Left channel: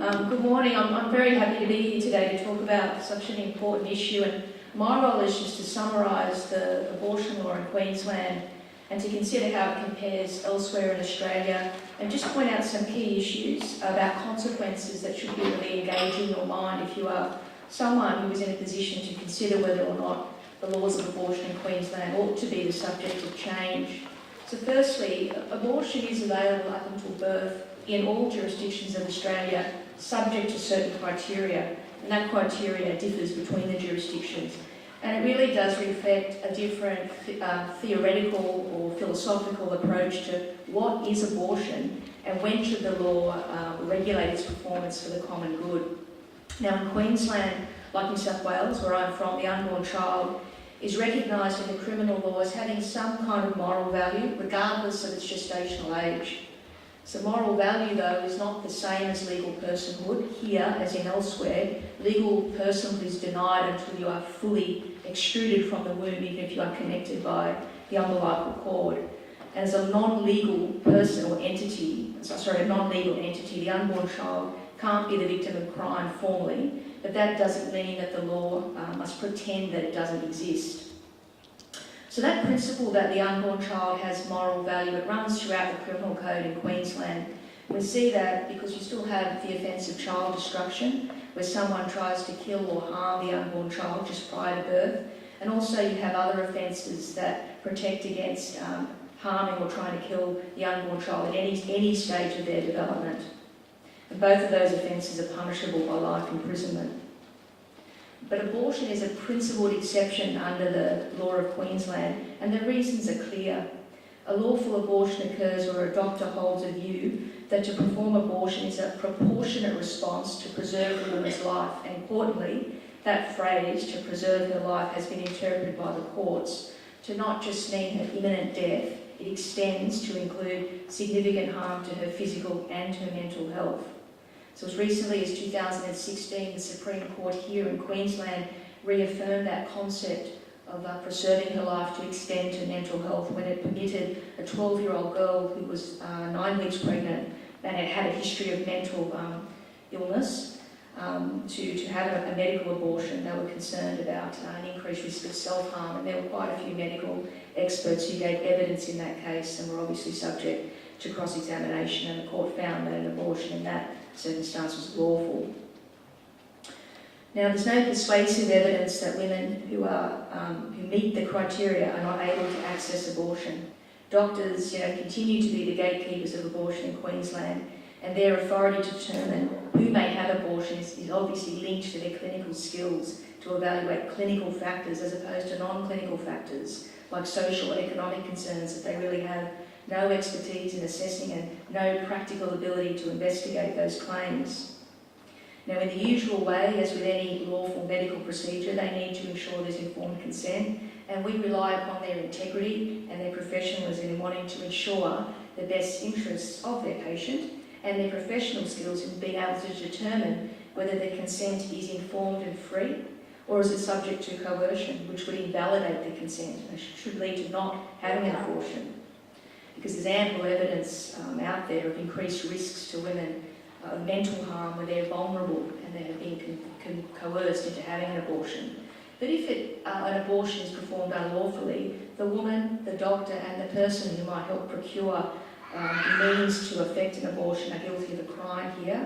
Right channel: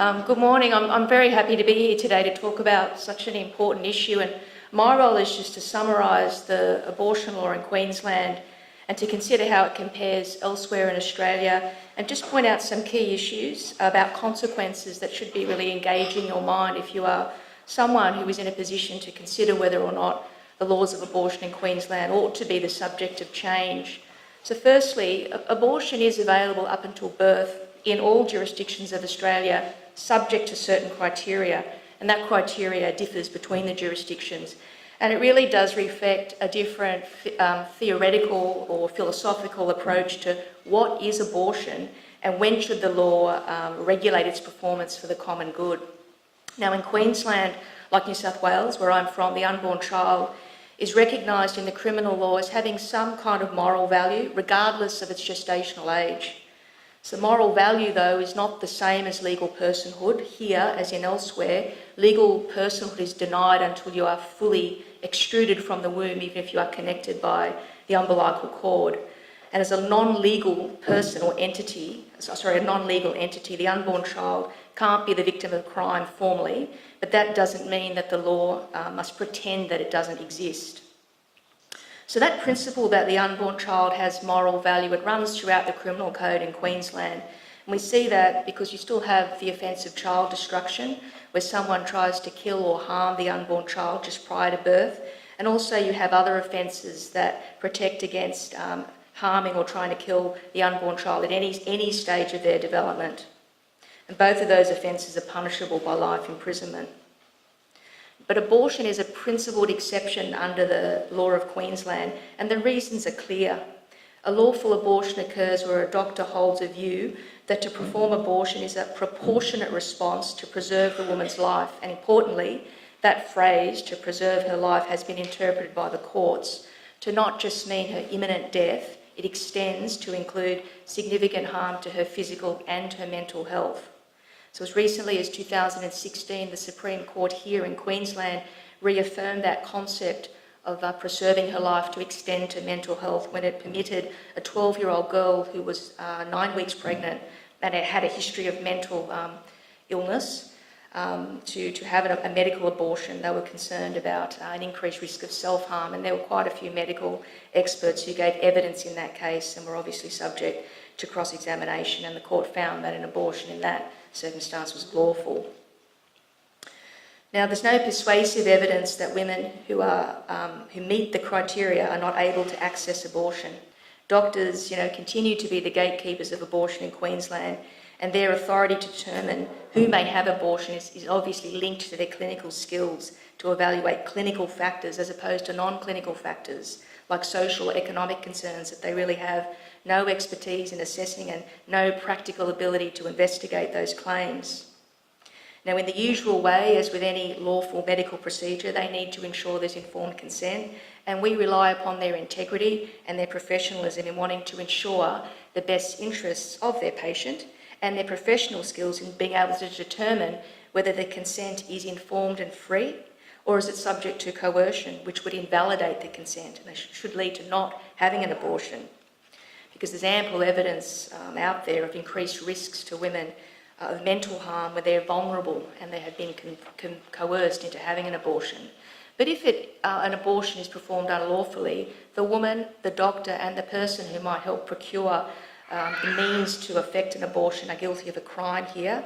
Good morning. I'm very happy to be here today to talk about such an important issue, and my role is just to summarise the abortion law in Queensland and to consider how it compares elsewhere in Australia, and just point out some key issues about consequences that should be really engaging your mind if you are someone who is in a position to consider whether or not the laws of abortion in Queensland ought to be the subject of change. So firstly, abortion is available up until birth in all jurisdictions of Australia, subject to certain criteria, and that criteria differs between the jurisdictions. And it really does reflect a different theoretical or philosophical approach to what is abortion and when should the law regulate its performance for the common good. Now in Queensland, like New South Wales, where I'm from, the unborn child is recognised in the criminal law as having some kind of moral value, regardless of its gestational age. So moral value, though, is not the same as legal personhood. Here, as in elsewhere, legal personhood is denied until you are fully extruded from the womb, even if you are connected by the umbilical cord. And as a non-legal person or entity, the unborn child can't be the victim of crime formally, but that doesn't mean that the law must pretend that it doesn't exist. So that principle that the unborn child has moral value, it runs throughout the criminal code in Queensland. And we see that because you still have the offence of child destruction, where someone tries to kill or harm the unborn child just prior to birth. And also you have other offences that protect against harming or trying to kill the unborn child at any stage of their development. And both of those offences are punishable by life imprisonment. But abortion is a principled exception under the law of Queensland, and the reasons are clear. A lawful abortion occurs where a doctor holds a view that to perform abortion is a proportionate response to preserve the woman's life, and importantly, that phrase, to preserve her life, has been interpreted by the courts to not just mean her imminent death, it extends to include significant harm to her physical and her mental health. So as recently as 2016, the Supreme Court here in Queensland reaffirmed that concept of preserving her life to extend to mental health when it permitted a 12-year-old girl who was 9 weeks pregnant and had a history of mental illness to have a medical abortion. They were concerned about an increased risk of self-harm, and there were quite a few medical experts who gave evidence in that case and were obviously subject to cross-examination, and the court found that an abortion in that circumstance was lawful. Now, there's no persuasive evidence that women who meet the criteria are not able to access abortion. Doctors, continue to be the gatekeepers of abortion in Queensland, and their authority to determine who may have abortion is obviously linked to their clinical skills to evaluate clinical factors as opposed to non-clinical factors like social or economic concerns that they really have no expertise in assessing and no practical ability to investigate those claims. Now, in the usual way, as with any lawful medical procedure, they need to ensure there's informed consent, and we rely upon their integrity and their professionalism in wanting to ensure the best interests of their patient and their professional skills in being able to determine whether the consent is informed and free, or is it subject to coercion, which would invalidate the consent and should lead to not having an abortion. Because there's ample evidence out there of increased risks to women of mental harm when they're vulnerable and they have been coerced into having an abortion. But if an abortion is performed unlawfully, the woman, the doctor and the person who might help procure the means to effect an abortion are guilty of a crime here.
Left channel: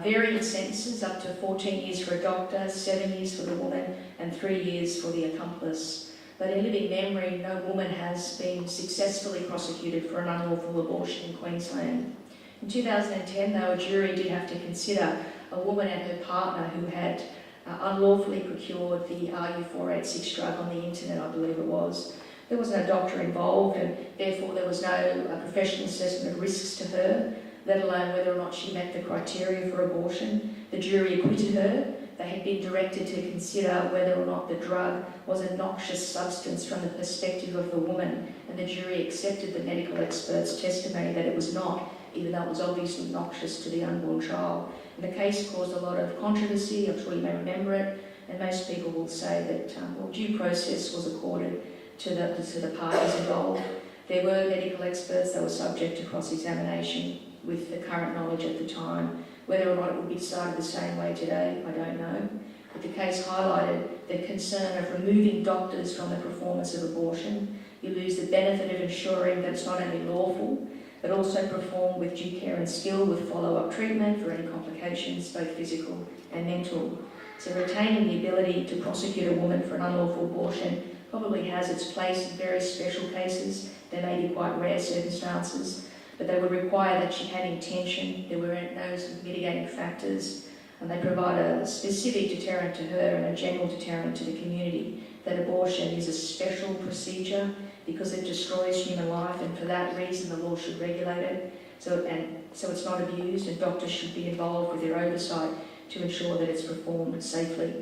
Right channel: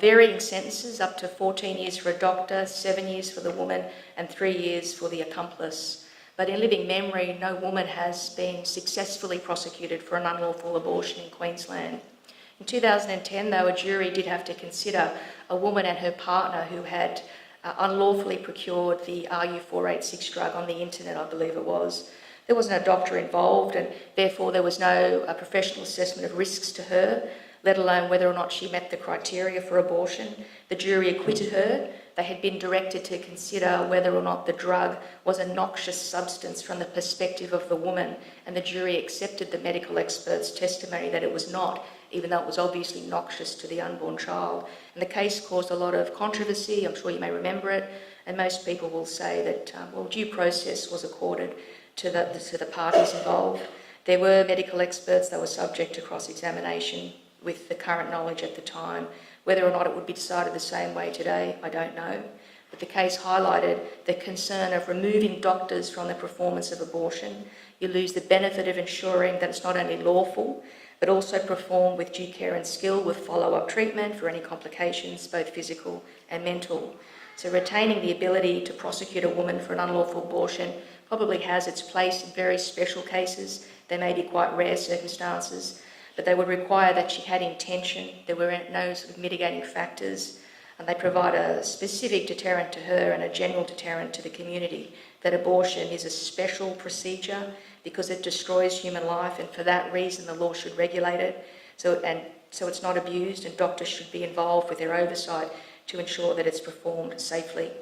Varying sentences up to 14 years for a doctor, 7 years for the woman and 3 years for the accomplice. But in living memory, no woman has been successfully prosecuted for an unlawful abortion in Queensland. In 2010, though, a jury did have to consider a woman and her partner who had unlawfully procured the RU486 drug on the internet, I believe it was. There was no doctor involved, and therefore there was no professional assessment of risks to her, let alone whether or not she met the criteria for abortion. The jury acquitted her. They had been directed to consider whether or not the drug was a noxious substance from the perspective of the woman, and the jury accepted the medical expert's testimony that it was not, even though it was obviously noxious to the unborn child. And the case caused a lot of controversy. I'm sure you may remember it, and most people will say that due process was accorded to the parties involved. There were medical experts that were subject to cross-examination with the current knowledge at the time, Whether or not it would be decided the same way today, I don't know. But the case highlighted the concern of removing doctors from the performance of abortion. You lose the benefit of ensuring that it's not only lawful, but also performed with due care and skill, with follow-up treatment for any complications, both physical and mental. So retaining the ability to prosecute a woman for an unlawful abortion probably has its place in very special cases. They may be quite rare circumstances, but they would require that she had intention, there were no sort of mitigating factors, and they provide a specific deterrent to her and a general deterrent to the community, that abortion is a special procedure because it destroys human life, and for that reason the law should regulate it. So it's not abused, and doctors should be involved with their oversight to ensure that it's performed safely.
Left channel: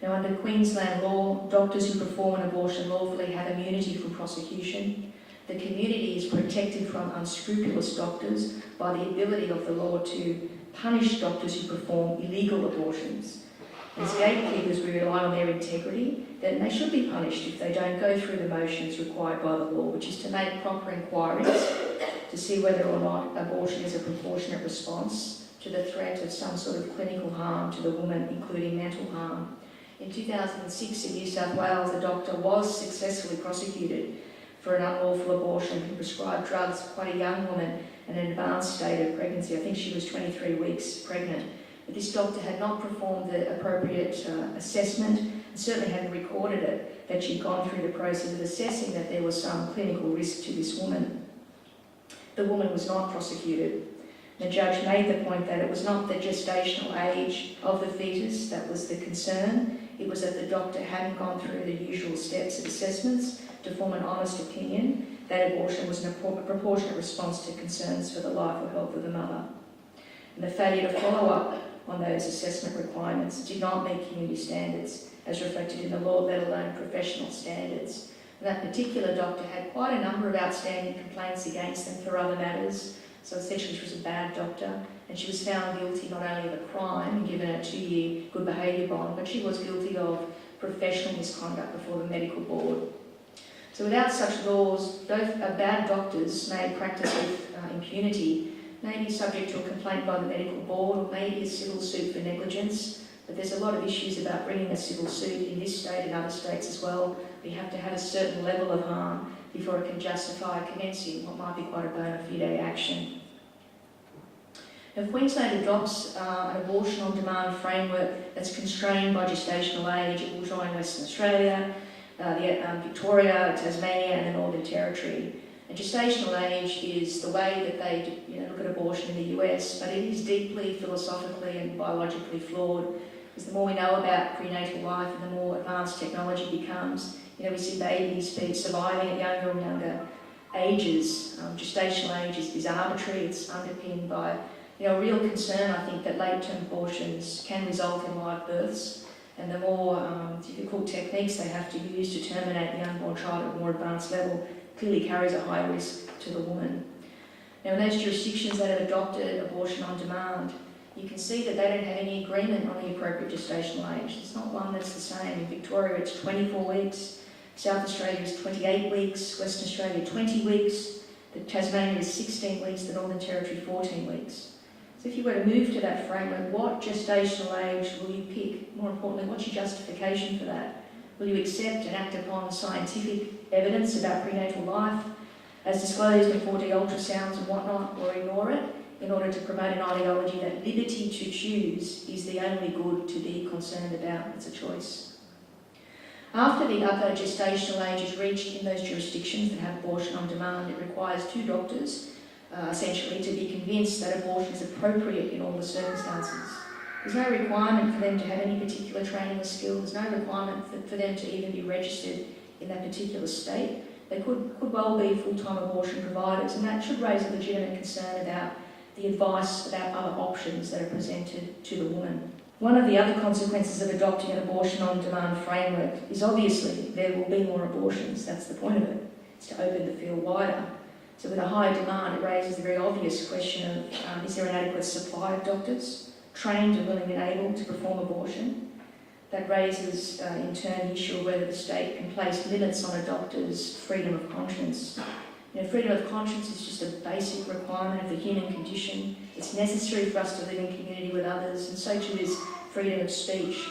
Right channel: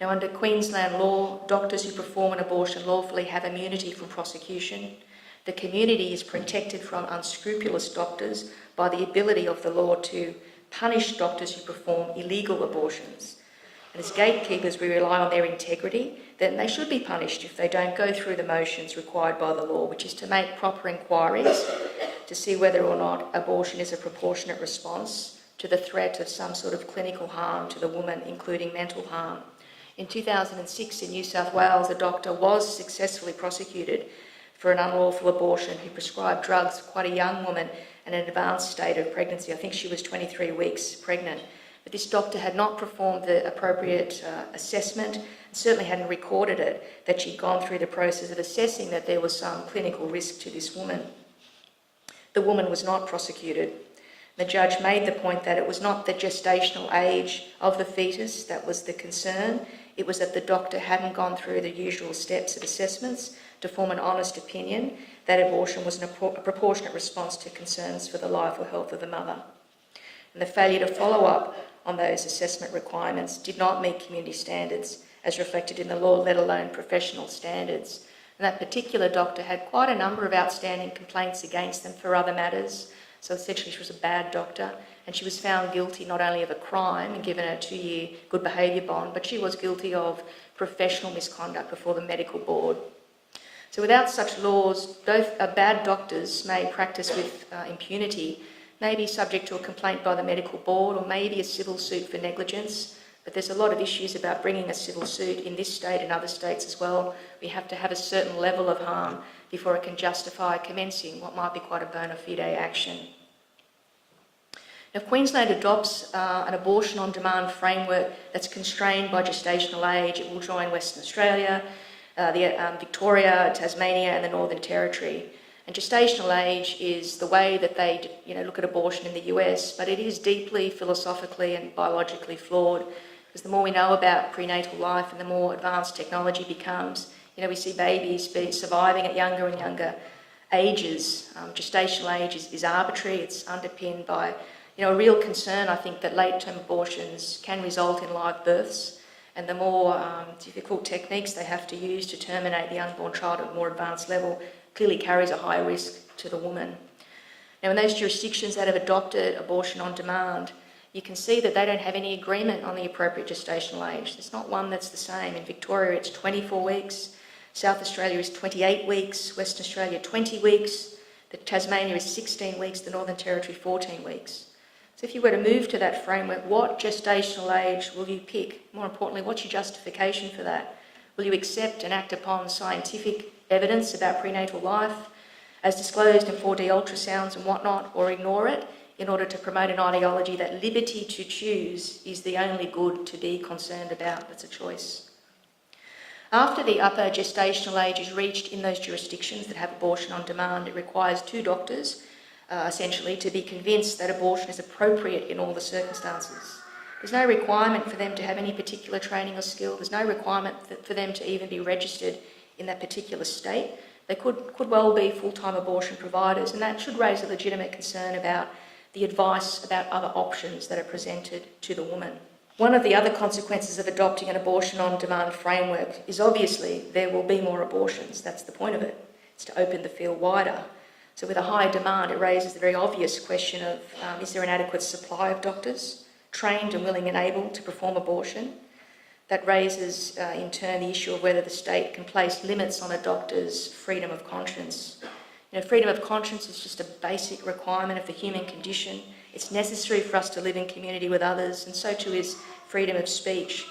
Now, under Queensland law, doctors who perform an abortion lawfully have immunity from prosecution. The community is protected from unscrupulous doctors by the ability of the law to punish doctors who perform illegal abortions. And as gatekeepers, we rely on their integrity, that they should be punished if they don't go through the motions required by the law, which is to make proper inquiries to see whether or not abortion is a proportionate response to the threat of some sort of clinical harm to the woman, including mental harm. In 2006 in New South Wales, a doctor was successfully prosecuted for an unlawful abortion. He prescribed drugs to quite a young woman in an advanced state of pregnancy. I think she was 23 weeks pregnant. But this doctor had not performed the appropriate assessment, certainly hadn't recorded it, that she'd gone through the process of assessing that there was some clinical risk to this woman. The woman was not prosecuted. The judge made the point that it was not the gestational age of the fetus that was the concern, it was that the doctor hadn't gone through the usual steps of assessments to form an honest opinion that abortion was a proportionate response to concerns for the life or health of the mother. And the failure to follow up on those assessment requirements did not meet community standards as reflected in the law, let alone professional standards. And that particular doctor had quite a number of outstanding complaints against them for other matters. So essentially she was a bad doctor, and she was found guilty not only of a crime and given a 2-year good behaviour bond, but she was guilty of professional misconduct before the medical board. So without such laws, both bad doctors may practice with impunity, may be subject to a complaint by the medical board, or maybe a civil suit for negligence. But there's a lot of issues about bringing a civil suit in this state and other states as well. We have to have a certain level of harm before it can justify commencing what might be quite a bona fide action. If Queensland adopts an abortion on demand framework that's constrained by gestational age, it will join Western Australia, Victoria, Tasmania and the Northern Territory. And gestational age is the way that they look at abortion in the US, but it is deeply philosophically and biologically flawed, because the more we know about prenatal life and the more advanced technology becomes, we see babies surviving at younger and younger ages. Gestational age is arbitrary. It's underpinned by a real concern, I think, that late-term abortions can result in live births, and the more difficult techniques they have to use to terminate the unborn child at a more advanced level clearly carries a high risk to the woman. Now, in those jurisdictions that have adopted abortion on demand, you can see that they don't have any agreement on the appropriate gestational age. There's not one that's the same. In Victoria, it's 24 weeks. South Australia is 28 weeks. Western Australia, 20 weeks. Tasmania is 16 weeks. The Northern Territory, 14 weeks. So if you were to move to that framework, what gestational age will you pick? More importantly, what's your justification for that? Will you accept and act upon scientific evidence about prenatal life, as disclosed in 4D ultrasounds and whatnot, or ignore it in order to promote an ideology that liberty to choose is the only good to be concerned about? It's a choice. After the upper gestational age is reached in those jurisdictions that have abortion on demand, it requires 2 doctors, essentially, to be convinced that abortion is appropriate in all the circumstances. There's no requirement for them to have any particular training or skill. There's no requirement for them to even be registered in that particular state. They could well be full-time abortion providers, and that should raise a legitimate concern about the advice about other options that are presented to the woman. One of the other consequences of adopting an abortion on demand framework is obviously there will be more abortions. That's the point of it. It's to open the field wider. So with a high demand, it raises the very obvious question of is there an adequate supply of doctors trained and willing and able to perform abortion? That raises, in turn, the issue of whether the state can place limits on a doctor's freedom of conscience. Freedom of conscience is just a basic requirement of the human condition. It's necessary for us to live in community with others, and so too is freedom of speech.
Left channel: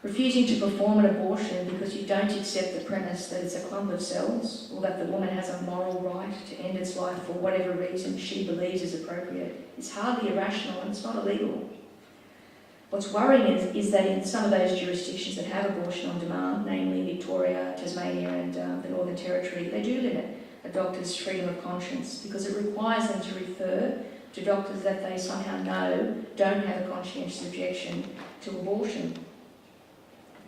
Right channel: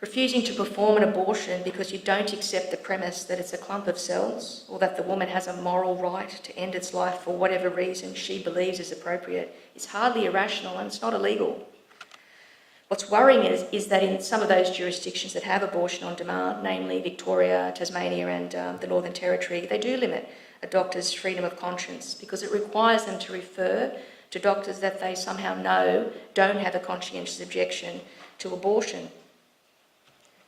Refusing to perform an abortion because you don't accept the premise that it's a clump of cells, or that the woman has a moral right to end its life for whatever reason she believes is appropriate, is hardly irrational, and it's not illegal. What's worrying is that in some of those jurisdictions that have abortion on demand, namely Victoria, Tasmania and the Northern Territory, they do limit a doctor's freedom of conscience because it requires them to refer to doctors that they somehow know don't have a conscientious objection to abortion.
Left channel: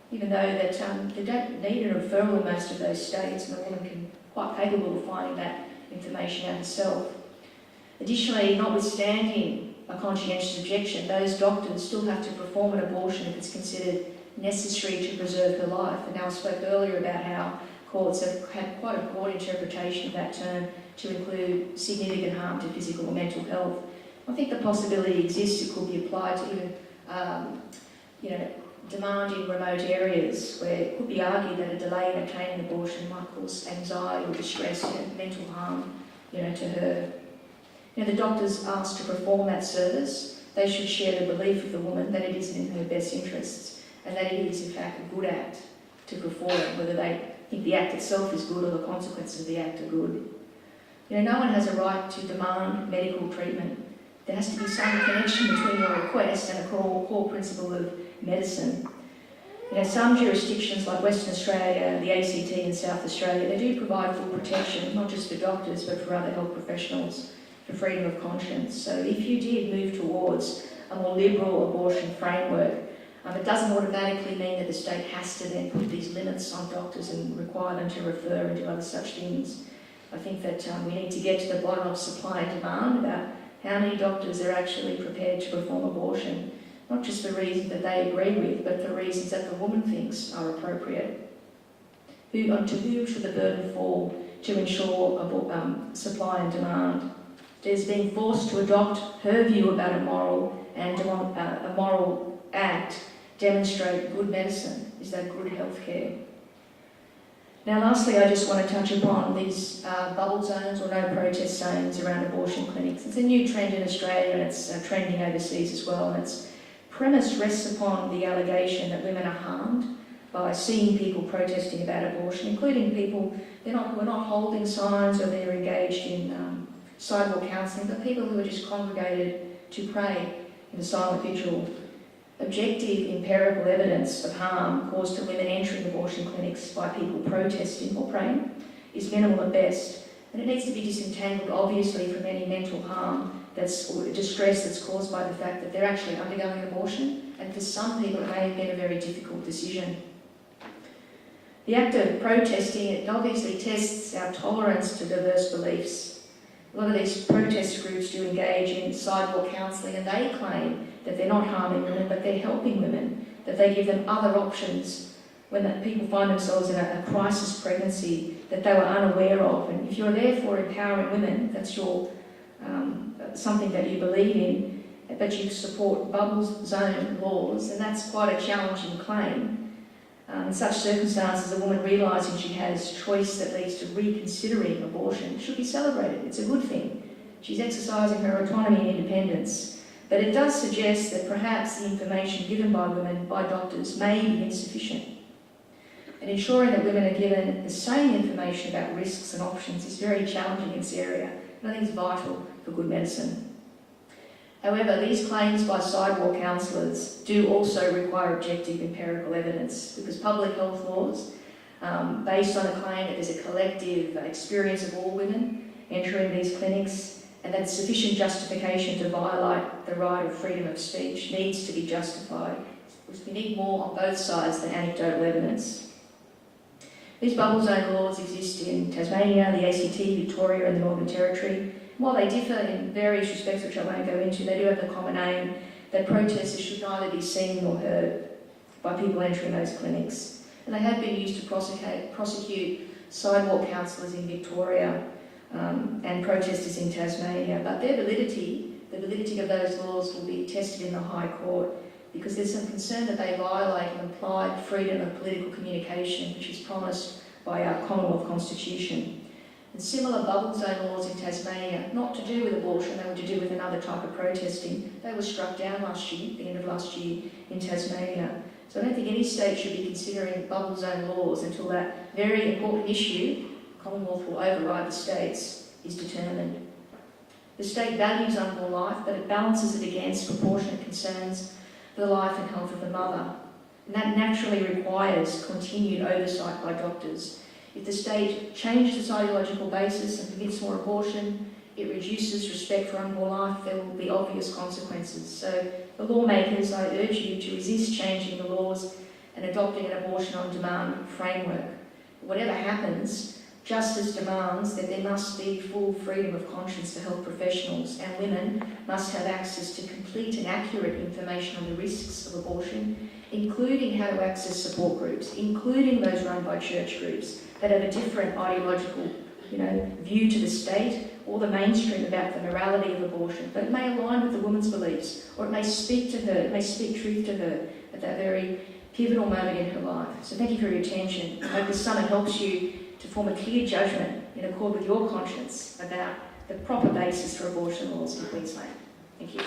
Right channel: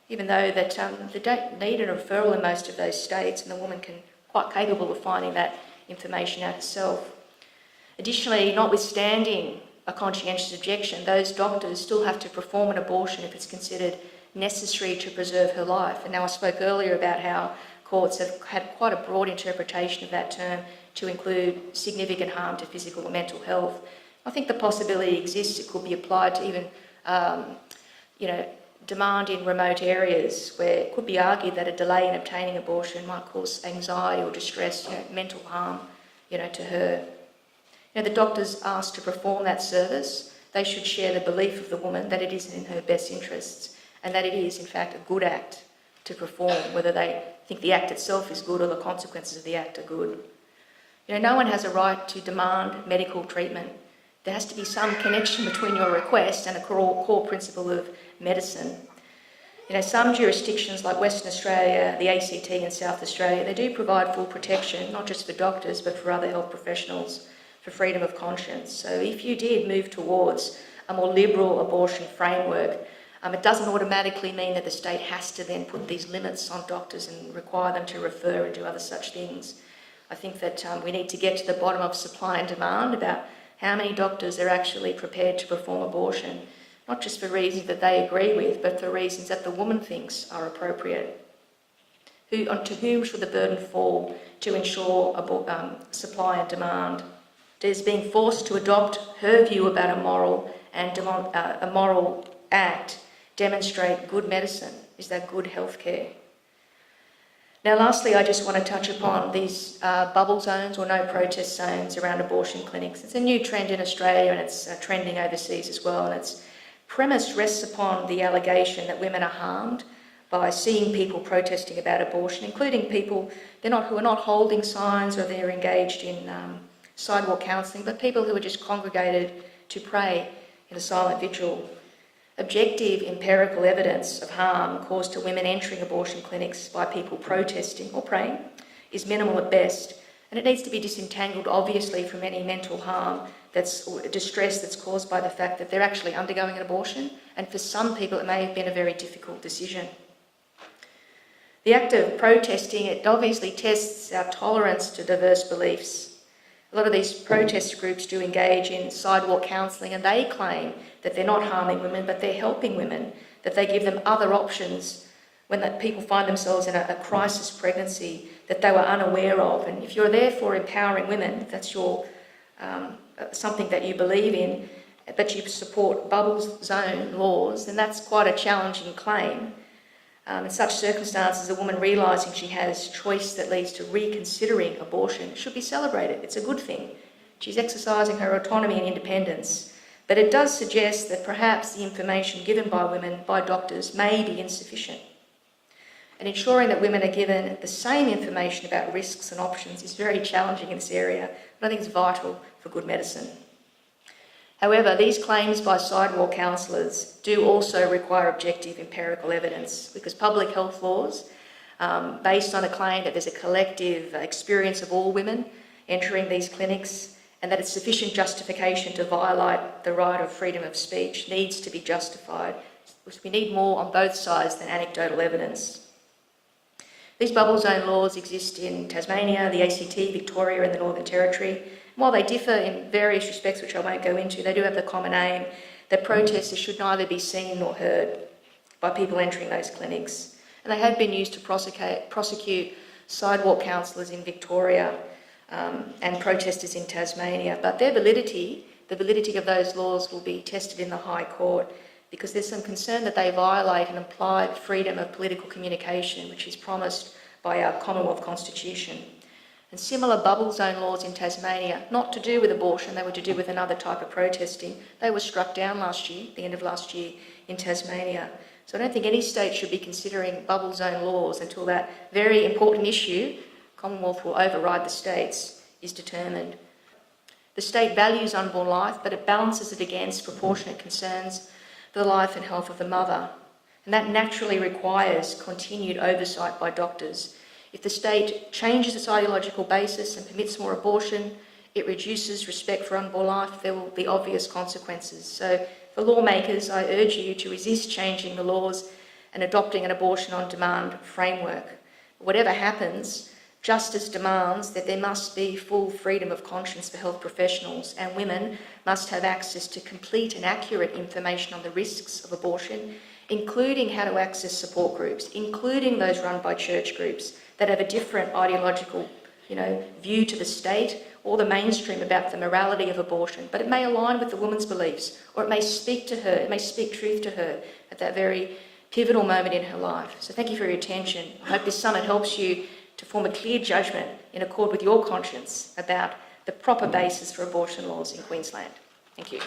Even though that they don't need a referral in most of those states, and the woman can quite capable of finding that information out herself. Additionally, notwithstanding a conscientious objection, those doctors still have to perform an abortion if it's considered necessary to preserve her life. And now I spoke earlier about how courts have had quite a broad interpretation of that term to include significant harm to physical or mental health. I think the possibility exists it could be applied to even, demand in remote areas where it could be argued that a delay in obtaining abortion might cause anxiety or distress, mental harm, to her. The doctors asked to perform that service, they should share the belief of the woman that it is in her best interests and that it is, in fact, a good act to perform, whether they think the act itself is good or the consequences of the act are good. No one has a right to demand medical treatment. There has to be some connection between your request and the core principle of medicine. Some jurisdictions like Western Australia, the ACT and South Australia, they do provide full protection, not just for doctors but for other health professionals, for freedom of conscience. So if you did move towards a more liberal abortion framework, it doesn't automatically mean that the state has to then put these limits on doctors and require them to refer and do other such things. I think that we need to get to the bottom of supply and demand about how many doctors are actually prepared to perform abortion, not just for reasons that they agree with, but for reasons that the woman thinks are appropriate. To whom should the burden fall to ensure supply and demand? Does being forced to adopt her view about a moral act demonstrate good medicine? Is that good healthcare? Now lastly, I just want to touch upon these bubble zones or no protest zones around abortion clinics. It's a new trend in Australia and it's trending overseas as well, and its premise rests upon the allegation that women are harmed by seeing people protesting about abortion, including people who are not holding signs or they're engaged in sidewalk counselling, but people who are just congregated to pray in a silent vigil. Objective empirical evidence of harm caused to women entering abortion clinics by people protesting or praying is minimal at best, and it needs to be disentangled obviously from any mental harm or distress that's caused by the fact that they're actually undergoing an abortion, and for some people it may have been a very difficult decision. The act of protesting, it obviously tests our tolerance to diverse beliefs. A lot of these protest groups do engage in sidewalk counselling, and they claim that they're not harming women, but they're helping women, that they give them other options when people find themselves in a crisis pregnancy that they were unaware of. And if you're therefore empowering women, that's your something that you believe in, but you support bubble zone laws, then that's quite a challenging claim. In such circumstances, a woman realising she has choice that leads to reconsidering abortion should be celebrated. It's a good thing. She's exercising her autonomy and independence. But it does suggest that perhaps the information given by women, by doctors, may be insufficient. And ensuring that women are given the same information about risks and options is very challenging in this area, but I think it's vital for good medicine. However, these claims by sidewalk counsellors do also require objective empirical evidence, because public health laws, based on a claim that there's a collective experience of all women entering these clinics and that it's sufficient justification to violate the right of freedom of speech, needs to be justified. We need more on both sides than anecdotal evidence. These bubble zone laws exist in Tasmania, the ACT, Victoria and the Northern Territory. While they differ in various respects, which I won't go into, they do have the common aim that protesters should neither be seen nor heard by people entering those clinics. And they have been used to prosecute sidewalk counsellors in Victoria and protesters in Tasmania. But their validity, the validity of those laws, will be tested in the High Court, because there's some concern that they violate an implied freedom of political communication, which is promised by our Commonwealth Constitution. And similar bubble zone laws in Tasmania, not to do with abortion, they were to do with another type of protesting. They were struck down last year, the end of last year in Tasmania. So I don't think any state should be considering bubble zone laws until that very important issue, Commonwealth will override the states, is determined. The state values unborn life, but it balances it against proportionate concerns for the life and health of the mother. And that naturally requires continued oversight by doctors. If the state changes its ideological basis and permits more abortion, it reduces respect for unborn life, there will be obvious consequences. So for lawmakers, I urge you to resist changing the laws and adopting an abortion on demand framework. Whatever happens, justice demands that there must be full freedom of conscience for health professionals, and women must have access to complete and accurate information on the risks of abortion, including how to access support groups, including those run by church groups that have a different ideological view to the state or the mainstream about the morality of abortion. But it may align with the woman's beliefs, or it may speak to her, it may speak truth to her at that very pivotal moment in her life. So thank you for your attention. I hope this summit helps you to form a clear judgment in accord with your conscience about the proper basis for abortion laws in Queensland. Thank you.